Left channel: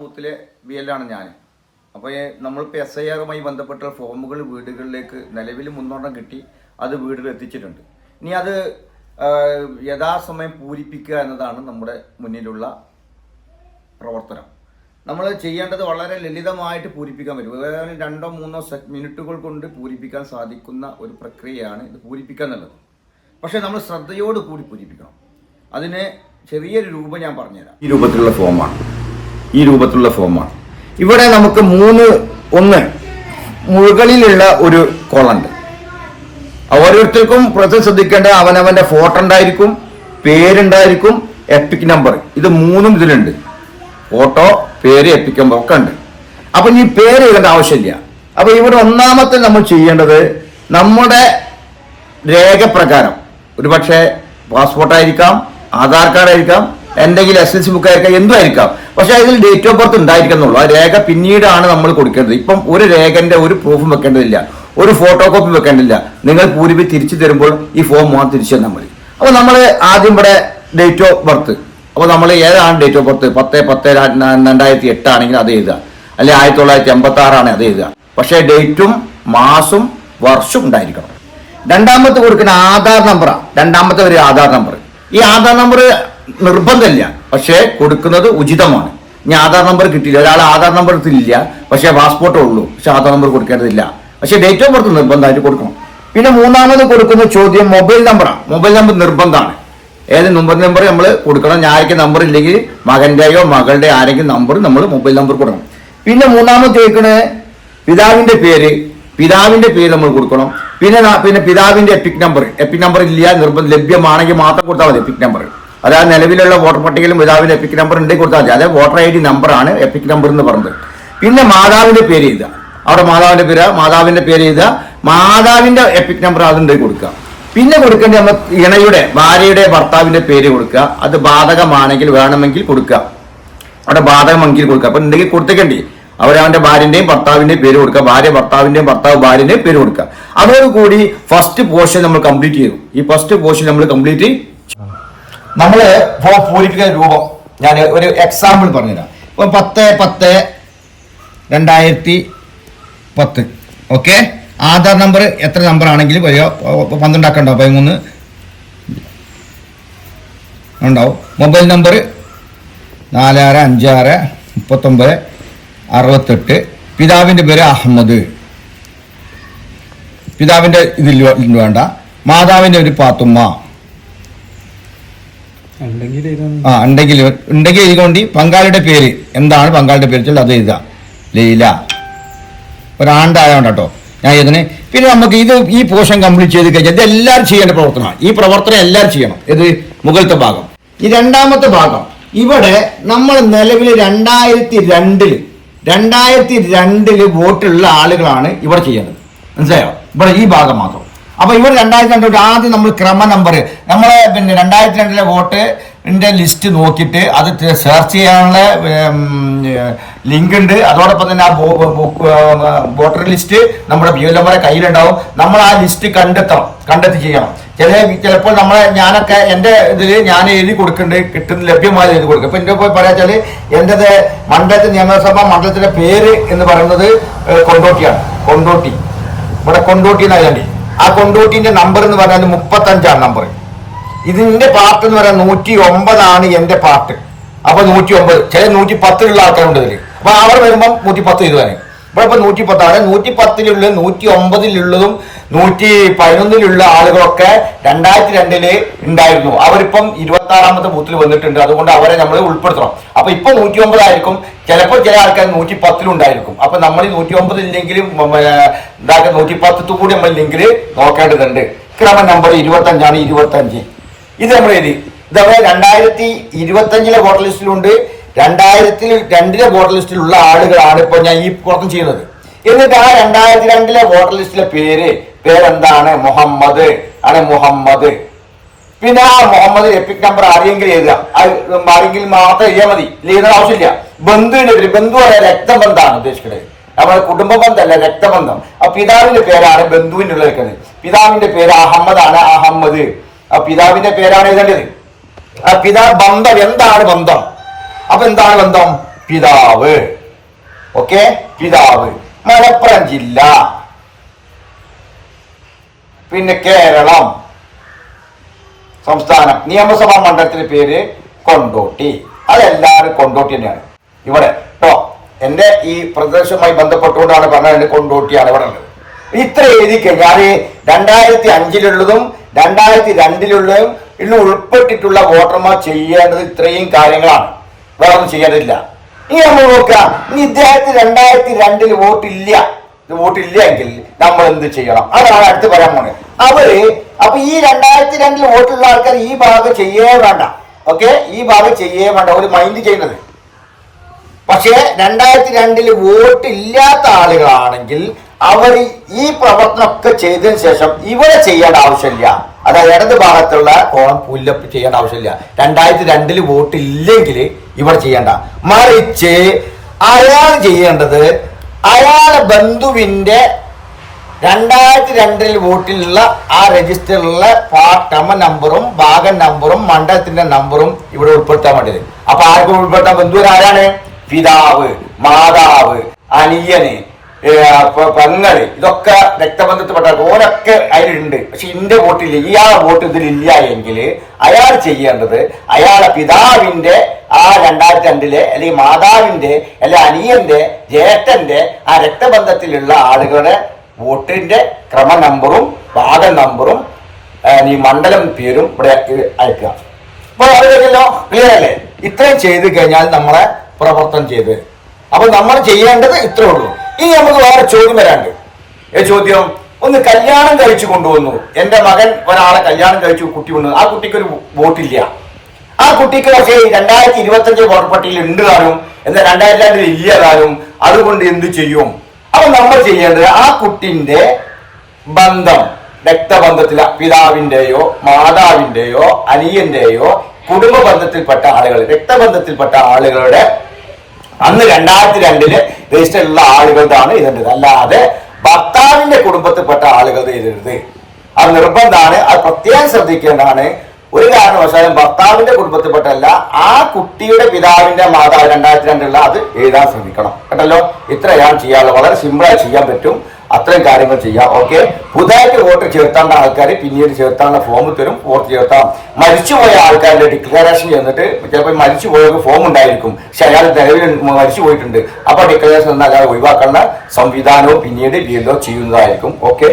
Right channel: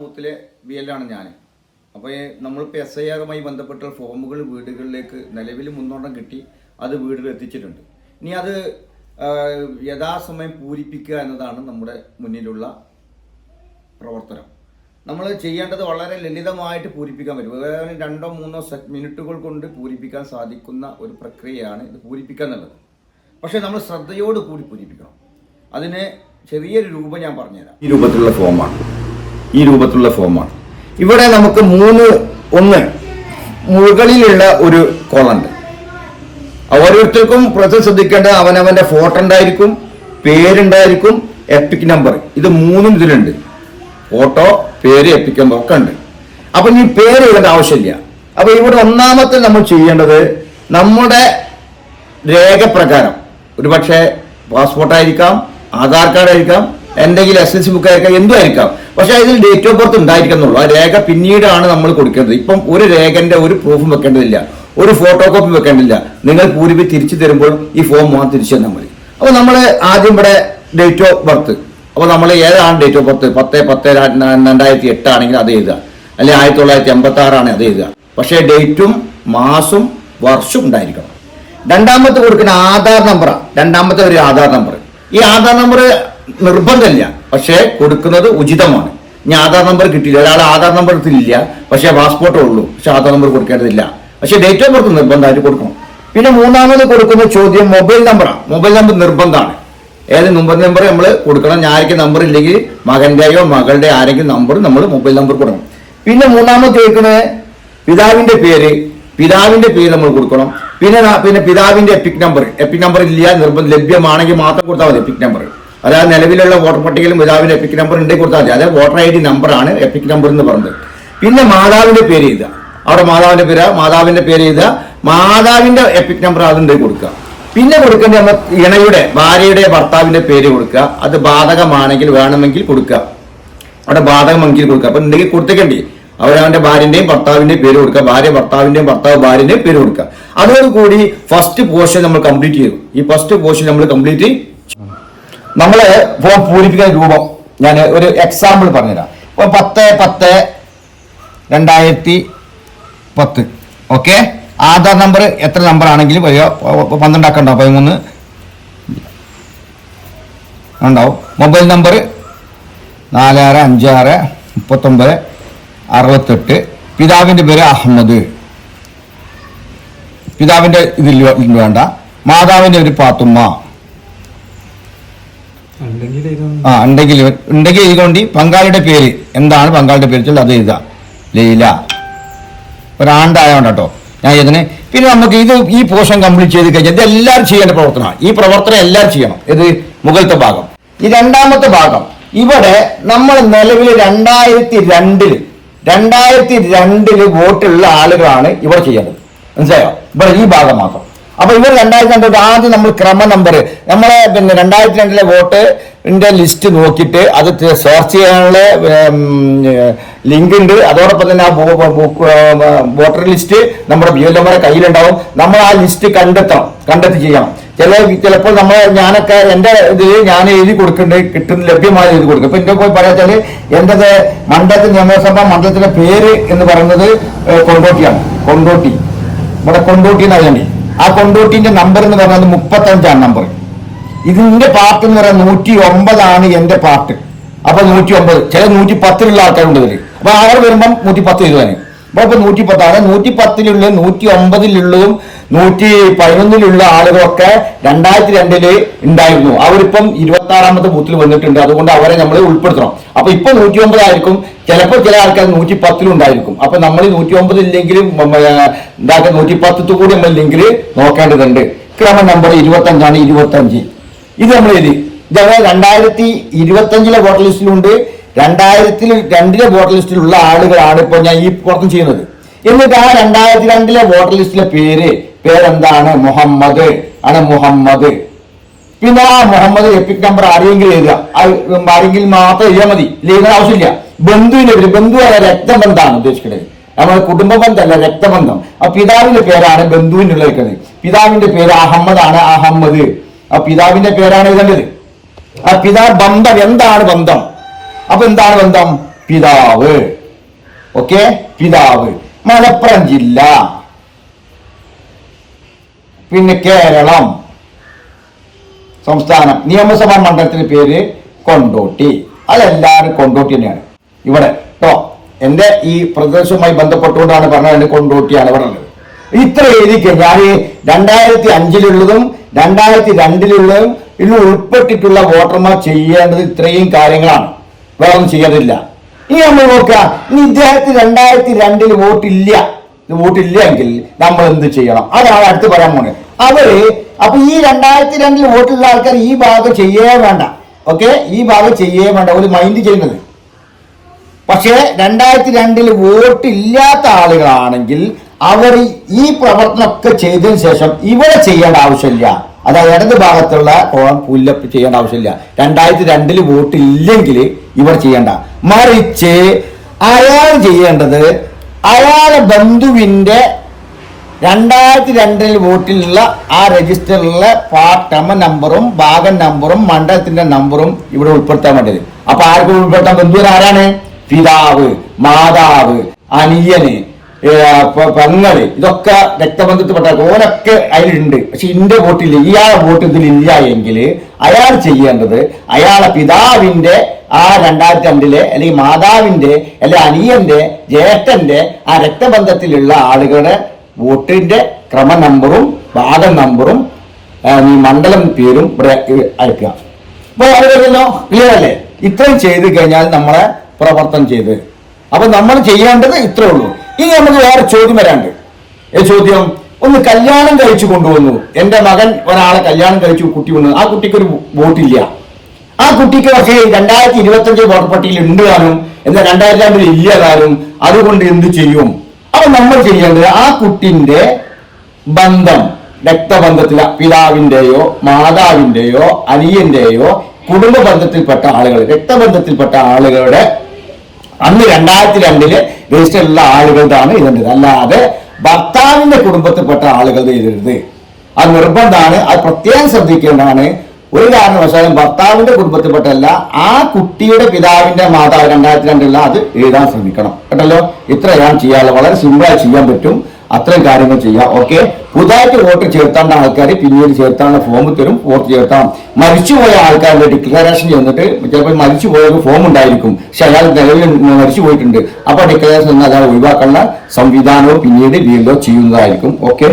ബൂത്തിലെ B എല്ലാണ് ഞാൻ അപ്പോൾ നമ്മളിപ്പോൾ എസ് ഐ ആറുമായി ബന്ധപ്പെട്ട ഫോമുകൾ വീടുകളിലേക്ക് നിലവിൽ മുന്നോട്ടം കിട്ടി അത് വീടുകളിൽ എത്തിച്ചിട്ടുണ്ട്. ഇനി അത് യഥാസമയം പൂരിപ്പിക്കുക എന്നതാണ് നമ്മുടെ മുന്നിലുള്ള പ്രവർത്തനം. നമ്മൾ ചെയ്യേണ്ടത് വളരെ ലളിതമായിട്ട് പൂരിപ്പിക്കാൻ പറ്റും. ഏതായാലും രണ്ടോ മൂന്നോ മിനിറ്റുകൾ കൊണ്ട് പൂരിപ്പിക്കാൻ സാധിക്കുന്ന ഒരു പ്രക്രിയയാണ് ഇത് പൂരിപ്പിക്കുക എന്നുള്ളത്. പക്ഷേ നമ്മൾ ശ്രദ്ധയോട് കൂടി പൂരിപ്പിക്കണം. അതിന് ചെറിയൊരു രൂപം ഞാൻ പറഞ്ഞുതരാം. ഈ രൂപത്തിലുള്ള ഫോമാണ്. ഈ രൂപത്തിലുള്ള ഫോമാണ് ഇവിടെ നമുക്ക് മൂന്ന് ഒന്ന് മുകളിലുള്ള ഒരു കോളുണ്ട് ഓരോരുത്തർക്കും പ്രത്യേകം ശ്രദ്ധിക്കേണ്ട അവനവന്റെ ഫോട്ടോ ഉണ്ടായിരിക്കും പേരുണ്ടായിരിക്കും എപ്പിക് നമ്പർ ഇത് മൂന്നും ഇതിലുണ്ട്. ഫോട്ടോ പേര് എപ്പിക് നമ്പർ ഒക്കെ ഉണ്ട്. അപ്പൊ ഈ പേര് എഴുതേണ്ട ആവശ്യമില്ല. അപ്പൊ ഇവിടെ ഒന്നാമത്തെ നമ്മൾ ചെയ്യേണ്ടത് നമ്മുടെ രേഖപ്രകാരം. ഒരുപക്ഷെ പാസ്പോർട്ട് ആയിരിക്കാം ആധാർ കാർഡ് ആയിരിക്കാം എന്തെങ്കിലും എസ് എൽ സി ബുക്ക് ആയിരിക്കാം എന്തും ആയിരിക്കാം പക്ഷെ അതിൽ ഡേറ്റ് ഓഫ് ബർത്ത് ഉണ്ടായിരിക്കുന്നുള്ളൂ. ആ രേഖ പിന്നീടാണ് നമ്മൾ കൊടുക്കേണ്ടത്. ഇപ്പം ഒരു രേഖന്റെ ഒരു പ്രൂഫും വെക്കേണ്ടതില്ല. ഒരു ഫോട്ടോ കോപ്പി വെക്കേണ്ടില്ല നിങ്ങൾ പൂരിപ്പി തിരിച്ചു തരുമ്പോൾ ഈ ഫോം മാത്രം തിരിച്ചു തന്നാൽ മതി. അപ്പോൾ നമ്മൾ ആദ്യം ഇവിടെ ഡേറ്റ് ഓഫ് ബർത്ത് അപ്പോൾ നമ്മൾ ഏതാണ് ഡേറ്റ് ഓഫ് ബർത്ത് പത്ത് പത്ത് രണ്ടായിരത്തി എട്ട് ആണെങ്കിൽ അത് എഴുതുക. അല്ലെങ്കിൽ ആയിരത്തി തൊള്ളായിരത്തി എൺപത്തി ആറാണ് അത് എഴുതുക. പക്ഷേ ഡേറ്റും മാസും വർഷവും ഉണ്ടായിരിക്കണം. രണ്ടാമത്തെ കൊടുക്കുന്ന ആധാർ നമ്പറാണ് രണ്ടാമത്തെ ഒരു ആധാർ നമ്പർ ഈ ആധാർ നമ്പർ നിർബന്ധമില്ല. പക്ഷേ കൊടുക്കുന്നത് ഉചിതമാണ്. ഇനി ആധാർ നമ്പർ കിട്ടിയില്ല. ഒരാൾ ആധാർ നമ്പർ ഇല്ല പക്ഷേ പാസ്പോർട്ടേ ഉള്ളൂ. പക്ഷെ ആധാർ നമ്പർ കൊടുക്കേണ്ടതില്ല. പക്ഷേ ഡേറ്റ് ഓഫ് ബർത്ത് നിർബന്ധമായിട്ട് കൊടുക്കണം. പിന്നെ മൂന്നാമത് കൊടുക്കുന്ന ചോദ്യം മൊബൈൽ നമ്പറാണ് മൊബൈൽ നമ്പർ നിർബന്ധമാണ്. ഏത് നമ്പർ നമ്പർ നമ്മൾ കൊടുക്കണം? ഞായക്ക് നമ്പർ ഇല്ലെങ്കിൽ മകന്റെയോ മകളുടെ ആരെങ്കിലും നമ്പർ നമ്മൾ മൊബൈൽ നമ്പർ കൊടുക്കണം. പിന്നെ മൂന്നാമത് ചോദിക്കുന്നത് പിതാവിന്റെ പേര് പിതാവിന്റെ പേര് നമ്മൾ കൊടുക്കണം. പിന്നെ പിന്നെ പിതാവിന്റെ എപ്പിക് നമ്പർ. എപ്പിക് നമ്പർ ഇല്ല നിർബന്ധം ലഭ്യമാണെങ്കിൽ മാത്രം കൊടുത്താൽ മതി എപ്പിക് നമ്പർ. അതായത് നിലവിലുള്ള വോട്ടർ പട്ടികയിലും പിതാവിന്റെ എപ്പിക് നമ്പർ ഉണ്ടെങ്കിൽ കൊടുത്താൽ മതി. അതായത് വോട്ടർ ഐ ഡി നമ്പറാണ് എപ്പിക് നമ്പർ എന്ന് പറഞ്ഞത്. പിന്നെ മാതാവിന്റെ പേര് എഴുതുക. അവിടെ മാതാവിന്റെ പേര് മാതാവിന്റെ പേര് എഴുതുക. മാതാവിന്റെ എപ്പിക് നമ്പർ അതുണ്ടെങ്കിൽ കൊടുക്കുക? പിന്നെ കൊടുക്കേണ്ടത് നമ്മൾ ഇണയുടെ ഭാര്യയുടെ ഭർത്താവിന്റെ പേര് കൊടുക്കുക. അത് ബാധകമാണെങ്കിൽ വേണമെങ്കിൽ കൊടുക്കുക. അവിടെ ബാധകമെങ്കിൽ കൊടുക്കുക. അപ്പൊ ഉണ്ടെങ്കിൽ കൊടുത്തേക്കണ്ടേ. അവരവന്റെ ഭാര്യന്റെയും ഭർത്താവിന്റെയും പേര് കൊടുക്കുക. ഭാര്യ ഭർത്താവിന്റെയും ഭർത്താവ് ഭാര്യന്റെയും പേര് കൊടുക്കുക. അതോടുകൂടി ഫസ്റ്റ് പോർഷൻ നമ്മൾ കംപ്ലീറ്റ് ചെയ്തു. ഈ ഫസ്റ്റ് പോർഷൻ നമ്മൾ കംപ്ലീറ്റ് നമ്മൾ ഫോം പൂരിപ്പിക്കുന്ന രൂപം ഞാൻ ഒരു എക്സാമ്പിൾ പറഞ്ഞുതരാം. ഇപ്പൊ പത്ത് പത്ത് രണ്ടായിരത്തി പത്ത്. ഓക്കെ ആധാർ നമ്പർ എത്ര നമ്പർ ആണെങ്കിലും വരിക പന്ത്രണ്ടാക്കണ്ടോ? പതിമൂന്ന്. ഉണ്ടാവും. മൊബൈൽ നമ്പർ നാലാറ് അഞ്ചാറ് മുപ്പത്തൊമ്പത് അറുപത്തെട്ട്. പിതാവിന്റെ പേര് അഹമ്മദ്. പിതാവിന്റെ ഇതിൽ വേണ്ട. മാതാവിന്റെ ഒരു പാത്തുമ്മ ആ ഉണ്ടെങ്കിൽ ഉണ്ടെങ്കിൽ എഴുതുകൊണ്ട് പങ്കാളിയുടെ പേര്. എന്താണ് പങ്കാളിയുടെ പേര് വെച്ചാൽ അത് എഴുതുക. ലീല. ഒരാണ്ടായോണ്ട് കേട്ടോ ഞാൻ ഇതിന് പിന്നെ നമുക്ക് ഇത് ഈ പോഷൻ കംപ്ലീറ്റ് ചെയ്ത് കഴിഞ്ഞാൽ ഇത് എല്ലാവരും ചെയ്യേണ്ട പ്രവർത്തനമാണ്. ഈ പ്രവർത്തനം എല്ലാവരും ചെയ്യണം. ഇത് മുകളിലത്തെ ഭാഗം. ഈ രണ്ടാമത്തെ ഭാഗം. ഇവിടെ നമ്മൾ നിലവിൽ രണ്ടായിരത്തി രണ്ടിൽ രണ്ടായിരത്തി രണ്ടിൽ വോട്ടുള്ള ആളുകളാണ് ഇവിടെ ചെയ്യേണ്ടത്. മനസ്സിലായോ? ഇവിടെ ഈ ഭാഗം മാത്രം. അപ്പൊ ഇവർ രണ്ടായിരത്തി രണ്ടിൽ ആദ്യം നമ്മൾ ക്രമ നമ്പർ നമ്മളെ പിന്നെ രണ്ടായിരത്തി രണ്ടിലെ വോട്ടിന്റെ ലിസ്റ്റ് നോക്കിയിട്ട് അത് സെർച്ച് ചെയ്യാനുള്ള ലിങ്ക് ഉണ്ട്. അതോടൊപ്പം തന്നെ ആ വോട്ടർ ലിസ്റ്റ് നമ്മുടെ ബി എൽ എമ്മറെ കയ്യിലുണ്ടാവും. നമ്മൾ ആ ലിസ്റ്റ് കണ്ടെത്തണം കണ്ടെത്തി ചെയ്യണം. ചില ചിലപ്പോൾ നമ്മളെ ഞാനൊക്കെ എന്റെ ഇതിൽ ഞാൻ എഴുതി കൊടുക്കുന്നുണ്ട് കിട്ടുന്ന ലഭ്യമായ എഴുതി കൊടുക്കും. ഇപ്പൊ എന്റെ പോയി പറയാ എന്റെത് മണ്ഡലത്തിൽ നിയമസഭാ മണ്ഡലത്തിന്റെ പേര് എന്ന് പറയുന്നത് കൊണ്ടോട്ടിയാണ്. കൊണ്ടോട്ടി. ഇവിടെ കൊണ്ടോട്ടി എന്നായി ആ കൊണ്ടോട്ടിന്റെ നമ്പർ എന്ന് പറഞ്ഞാൽ മുപ്പത്തഞ്ചാണ് നമ്പർ ഇതിന്റെ പാർട്ട് എന്ന് പറയാൻ നൂറ്റി ഒമ്പതാണ് എന്റെ പാർട്ട് അപ്പൊ നൂറ്റി ഒമ്പത് ചില നൂറ്റി പത്തിലുള്ള ആൾക്കാരുണ്ട് ഇതിൽ അപ്പൊ അവർ വരുമ്പം നൂറ്റി പത്ത് എഴുതുവാന്. ഇവിടെ ഇപ്പൊ നൂറ്റി പത്താണ് നൂറ്റി പത്തിലുള്ള നൂറ്റി ഒമ്പതിലുള്ളതും നൂറ്റി പതിനൊന്നിലുള്ള ആളുകളൊക്കെ രണ്ടായിരത്തി രണ്ടിൽ ഉണ്ടായിരുന്നു. അവരിപ്പം ഇരുപത്തി ആറാമത്തെ ബൂത്തിൽ വന്നിട്ടുണ്ട്. അതുകൊണ്ട് അവരെ നമ്മൾ ഉൾപ്പെടുത്തണം. അപ്പൊ ഇപ്പൊ നൂറ്റി ഒമ്പതായിരിക്കും ചിലപ്പോൾ ചില ആൾക്കാർ നൂറ്റി പത്തിലും ഉണ്ടായിരിക്കും. അപ്പൊ നമ്മൾ ഈ നൂറ്റി ഒമ്പത് ഇല്ലെങ്കിലും ഉണ്ടാക്കുന്ന നൂറ്റി പത്തു കൂടി നമ്മൾ ലിങ്കിൽ നോക്കേണ്ടതുണ്ട്. ക്രമ നമ്പർ ഇരുപത്തി അഞ്ചാണ് ഇരുപത്തി അഞ്ച് ഇത് നമ്മൾ എഴുതി. ഇതേപോലെ രണ്ടായിരത്തി ഇരുപത്തി അഞ്ചിലെ വോട്ടർ ലിസ്റ്റിലുണ്ട് രണ്ടായിരത്തിൽ രണ്ടിലെ വോട്ടർ ലിസ്റ്റിലുള്ള ആളുകളാണ് ഇപ്പൊ ഞാൻ ഈ പുറത്തും ചെയ്യുന്നത്. എന്നിട്ട് ആ രണ്ടായിരത്തി രണ്ടിലെ വോട്ടർ ലിസ്റ്റിലെ പേര് പേരെന്താണ്? മുഹമ്മദ്. ആണ് മുഹമ്മദ്. പിന്നെ ആ മുഹമ്മദ് എപ്പിക് നമ്പർ ആരെങ്കിലും എഴുതാം ആരെങ്കിലും മാത്രം എഴുതാ മതി. എഴുതാൻ ആവശ്യമില്ല. ബന്ധുവിന്റെ പേര് ബന്ധു പറയാൻ രക്തബന്ധമാണ് ഉദ്ദേശിക്കുന്നത്. നമ്മുടെ കുടുംബ ബന്ധമല്ല രക്തബന്ധം. ആ പിതാവിന്റെ പേരാണ് ബന്ധുവിനുള്ള ഉള്ളത് പിതാവിന്റെ പേര് അഹമ്മദ് ആണ് അഹമ്മദ്. ആ പിതാവിന്റെ പേരാണ് എഴുതേണ്ടത് ആ പിതാ ബന്ധം. എന്താണ് ബന്ധം? അപ്പൊ എന്താണ് ബന്ധം? പിതാവ്. ഓക്കെ? പിതാവ്. മലപ്പുറം ജില്ല. പിന്നെ കേരളം. സംസ്ഥാനം. നിയമസഭാ മണ്ഡലത്തിന് പേര് കൊണ്ടോട്ടി. അതെല്ലാവരും കൊണ്ടോട്ടി തന്നെയാണ്. ഇവിടെ കേട്ടോ എന്റെ ഈ പ്രദേശവുമായി ബന്ധപ്പെട്ടുകൊണ്ടാണ് പറഞ്ഞത് എന്റെ കൊണ്ടോട്ടിയാണ് ഇവിടെ ഉള്ളത്. ഇത്ര എഴുതി കഴിഞ്ഞാൽ രണ്ടായിരത്തി അഞ്ചിലുള്ളതും രണ്ടായിരത്തി രണ്ടിലുള്ളതും ഇതിൽ ഉൾപ്പെട്ടിട്ടുള്ള വോട്ടർമാർ ചെയ്യേണ്ടത് ഇത്രയും കാര്യങ്ങളാണ്. വേറെ ഒന്നും ചെയ്യേണ്ടതില്ല ഇനി നമ്മൾ നോക്കാം ഇനി ഇദ്ദേഹത്തിന് രണ്ടായിരത്തി രണ്ടിൽ വോട്ടില്ല. വോട്ടില്ല എങ്കിൽ നമ്മൾ എന്ത് ചെയ്യണം? അതാണ് അടുത്ത് പറയാൻ പോണേ അവർ അപ്പൊ ഈ രണ്ടായിരത്തി രണ്ടിൽ വോട്ടുള്ള ആൾക്കാർ ഈ ഭാഗം ചെയ്യേ വേണ്ട. ഓക്കെ? ഈ ഭാഗം ചെയ്യേ വേണ്ട. ഒരു മൈൻഡ് ചെയ്യുന്നത്. പക്ഷേ രണ്ടായിരത്തി രണ്ടിൽ വോട്ട് ഇല്ലാത്ത ആളുകളാണെങ്കിൽ അവർ ഈ പ്രവർത്തനമൊക്കെ ചെയ്തതിനു ശേഷം ഇവിടെ ചെയ്യേണ്ട ആവശ്യമില്ല. അതായത് ഇടത് ഭാഗത്തുള്ള കോളം പുല്ലപ്പ് ചെയ്യേണ്ട ആവശ്യമില്ല. രണ്ടായിരത്തി രണ്ടിൽ വോട്ട് ഇല്ലെങ്കിൽ ഇവർ ചെയ്യേണ്ട. മറിച്ച് അയാൾ ചെയ്യേണ്ടത് അയാളെ ബന്ധുവിന്റെ രണ്ടായിരത്തി രണ്ടിൽ വോട്ടിലുള്ള ആ രജിസ്റ്ററിലുള്ള പാട്ടമ നമ്പറും ഭാഗം നമ്പറും മണ്ഡലത്തിന്റെ നമ്പറും ഇവിടെ ഉൾപ്പെടുത്താൻ വേണ്ടത് അപ്പൊ ആർക്കും ഉൾപ്പെടുത്താൻ ബന്ധുവിന് ആരാണ്? പിതാവ് മാതാവ് അനിയന്. ഏ, പ- പെങ്ങൾ ഇതൊക്കെ രക്തബന്ധത്തിൽപ്പെട്ട ഓനൊക്കെ അതിലുണ്ട്. പക്ഷെ ഇന്റെ വോട്ടില്ല. ഇയാളെ വോട്ട് ഇതിലില്ല എങ്കിൽ അയാൾ ചെയ്യേണ്ടത് അയാളെ പിതാവിന്റെ ആ രണ്ടായിരത്തി രണ്ടിലെ അല്ലെങ്കിൽ മാതാവിന്റെ അല്ലെ അനിയന്റെ ജ്യേഷ്ഠന്റെ ആ രക്തബന്ധത്തിലുള്ള ആളുകളുടെ വോട്ടിന്റെ ക്രമ നമ്പറും ഭാഗം നമ്പറും മണ്ഡലം പേരും ഇവിടെ അയക്കുക. അപ്പൊ അറിയാമല്ലോ ക്ലിയർ അല്ലേ? ഇത്രയും ചെയ്ത് കഴിഞ്ഞാൽ നമ്മളെ പ്രവർത്തനം ചെയ്ത്. അപ്പൊ നമ്മൾ ചെയ്യേണ്ടത് ഇത്രേ ഉള്ളൂ. ഇനി നമുക്ക് വേറെ ചോദ്യം വരാണ്ട്. ഏ ചോദ്യം? ഒന്ന് കല്യാണം കഴിച്ചു കൊണ്ടുവന്നു. എന്റെ മകൻ ഒരാളെ കല്യാണം കഴിച്ചു കുട്ടി കൊണ്ടുവന്നു. ആ കുട്ടിക്ക് ഒരു വോട്ടില്ല. ആ കുട്ടിക്ക് പക്ഷേ രണ്ടായിരത്തി ഇരുപത്തി അഞ്ച് വോട്ടർ പട്ടികയിൽ ഉണ്ട് താനും എന്നാൽ രണ്ടായിരത്തി രണ്ടിൽ ഇല്ല താനും അതുകൊണ്ട് എന്ത് ചെയ്യും? അപ്പൊ നമ്മൾ ചെയ്യേണ്ടത് ആ കുട്ടിന്റെ ബന്ധം രക്തബന്ധത്തില പിതാവിന്റെയോ മാതാവിന്റെയോ അനിയന്റെയോ കുടുംബ ബന്ധത്തിൽപ്പെട്ട ആളുകൾ രക്തബന്ധത്തിൽപ്പെട്ട ആളുകളുടെ അന്ന് രണ്ടായിരത്തി രണ്ടിൽ രജിസ്റ്ററിലുള്ള ആളുകളുടെയാണ് ഇതുണ്ട് അല്ലാതെ ഭർത്താവിന്റെ കുടുംബത്തിൽപ്പെട്ട ആളുകളുടെ ഇതരുത് അത് നിർബന്ധമാണ്. അത് പ്രത്യേകം ശ്രദ്ധിക്കേണ്ടതാണ്. ഒരു കാരണവശാലും ഭർത്താവിന്റെ കുടുംബത്തിൽപ്പെട്ടല്ല ആ കുട്ടിയുടെ പിതാവിന്റെ മാതാവ് രണ്ടായിരത്തി രണ്ടിലുള്ള അത് എഴുതാൻ ശ്രമിക്കണം. കേട്ടല്ലോ? ഇത്രയാണ് ചെയ്യാനുള്ളത്. വളരെ സിമ്പിളായി ചെയ്യാൻ പറ്റും. അത്രയും കാര്യങ്ങൾ ചെയ്യുക ഓക്കെ പുതുതായിട്ട് വോട്ട് ചേർത്താണ്ട ആൾക്കാർ പിന്നീട് ചേർത്താനുള്ള ഫോം തരും വോട്ട് ചേർത്താം. മരിച്ചുപോയ ആൾക്കാരുടെ ഡിക്ലറേഷൻ ചെന്നിട്ട് ചിലപ്പോൾ മരിച്ചുപോയ ഫോം ഉണ്ടായിരിക്കും. പക്ഷെ അയാൾ നിലവിൽ മരിച്ചു പോയിട്ടുണ്ട് അപ്പൊ ഡിക്ലറേഷൻ എന്നാൽ അയാൾ ഒഴിവാക്കാനുള്ള സംവിധാനവും പിന്നീട് വീണ്ടും ചെയ്യുന്നതായിരിക്കും. ഓക്കെ